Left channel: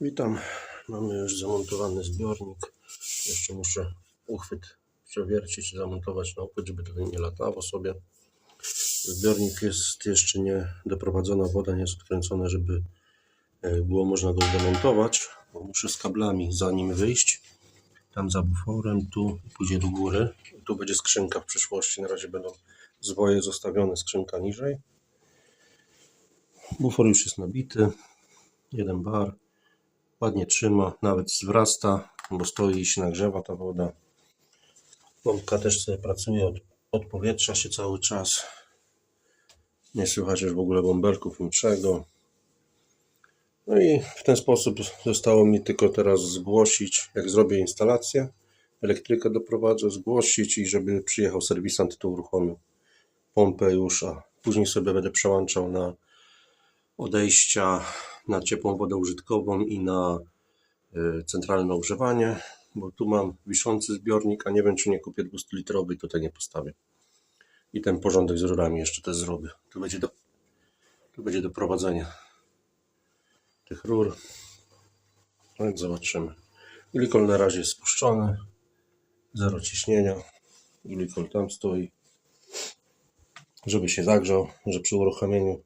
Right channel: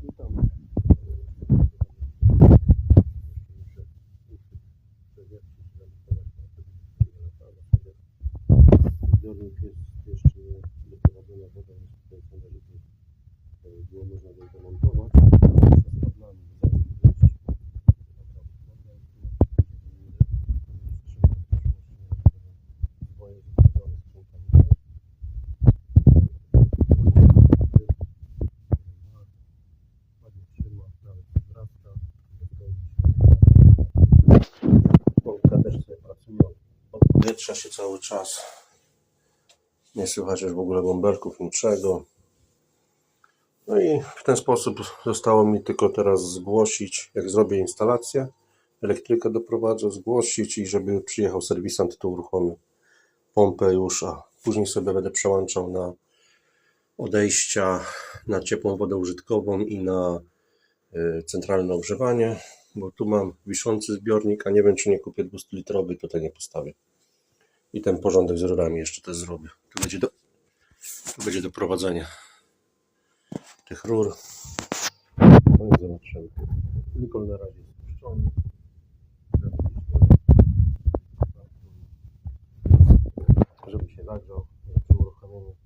Witam. Mamy już zamontowany zbiornik. Jeszcze muszę uchwyt przewiercić zamontować na uchwyt, żeby to nie latało sobie. Zbiornik jest jeszcze nie doprowadzona woda, nie jest odkręcona, żeby e, było można go zdemontować. Muszę z kablami za nim wyjść. Tam za buforem, tu pójdzie do góry. Tu będzie skrzynka w przyszłości. Na razie będą zwoje zostawione, skrzynka niżej. Bufor już jest nabity. Jeden bar ładnie trzyma, nawet zwrasta, bo stoi i się nagrzewa ta woda. Pompka też sobie pracuje, od, odpowietrza się cały czas. Nie słychać już w ogóle bąbelków, niczego. No i w ten sposób zostało mi tylko teraz zgłosić, jak zrobię instalację, elektrykę doprowadzę, zgłosić i żeby przyjechał serwisant, to uruchomił pompę już, a później sobie będę przełączał na odejścia na ciepłą wodę użytkową i na y, centralne ogrzewanie, bo tu mam wiszący zbiornik, a nie wiem czy nie kupię 200-litrowy i tutaj nie postawię. I ten porządek z rurami jeszcze też zrobię. Tu będzie do, tu będzie do prowadzenia tych rur. No więc zobaczymy. Glikol na razie jest spuszczony. Zero ciśnienia. Glikol tam stoi. Żeby się zagrzał, że przy uruchomieniu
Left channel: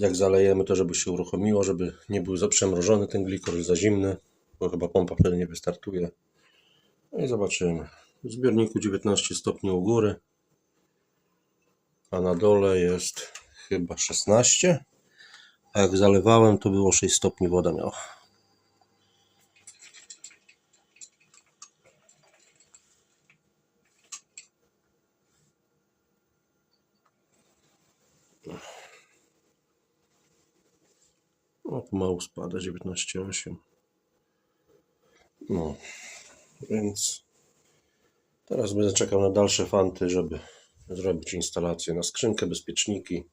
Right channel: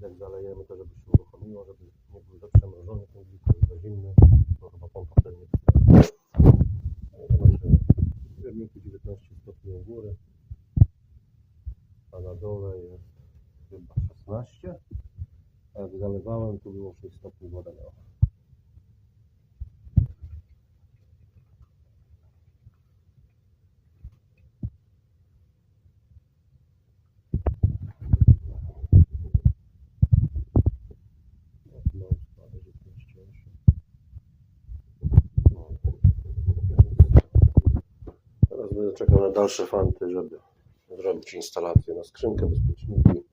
jak zalejemy to, żeby się uruchomiło, żeby nie był za przemrożony ten glikol, za zimny, bo chyba pompa wtedy nie wystartuje. No i zobaczymy. W zbiorniku 19 stopni u góry, a na dole jest chyba 16. A jak zalewałem, to było 6 stopni woda miała. O, pomału spada 19,8. No, więc teraz będę czekał na dalsze fanty, żeby zrobić instalację na skrzynkę, bezpieczniki,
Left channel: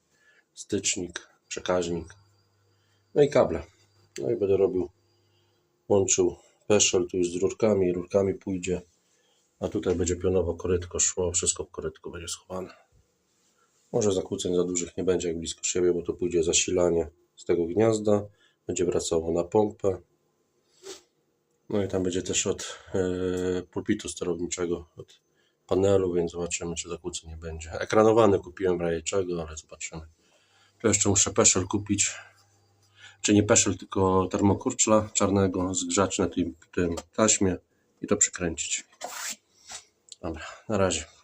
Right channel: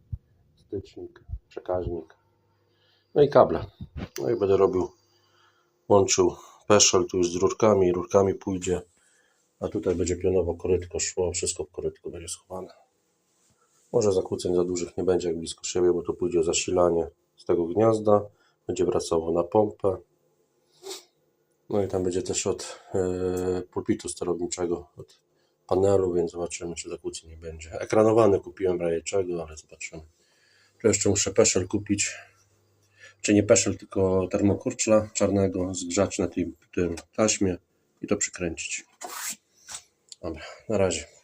stycznik, przekaźnik, no i kable. No i będę robił, łączył peszel tu już z rurkami, rurkami pójdzie, a tutaj będzie pionowo korytko szło, wszystko w korytku będzie schowane. Może zakłóceń za dużych nie będzie jak blisko siebie, bo tu pójdzie zasilanie z tego gniazda, będzie wracało na pompę. No i tam będzie też od e, pulpitu sterowniczego, od panelu, więc zobaczymy, czy zakłóceń nie będzie. Ekranowany kupiłem w czego, ale zobaczymy. Tu jeszcze muszę peszel kupić, czy nie peszel, tylko termokurczla czarnego, zgrzać na tym, tym taśmie i to przykręcić. Dobra, na razie.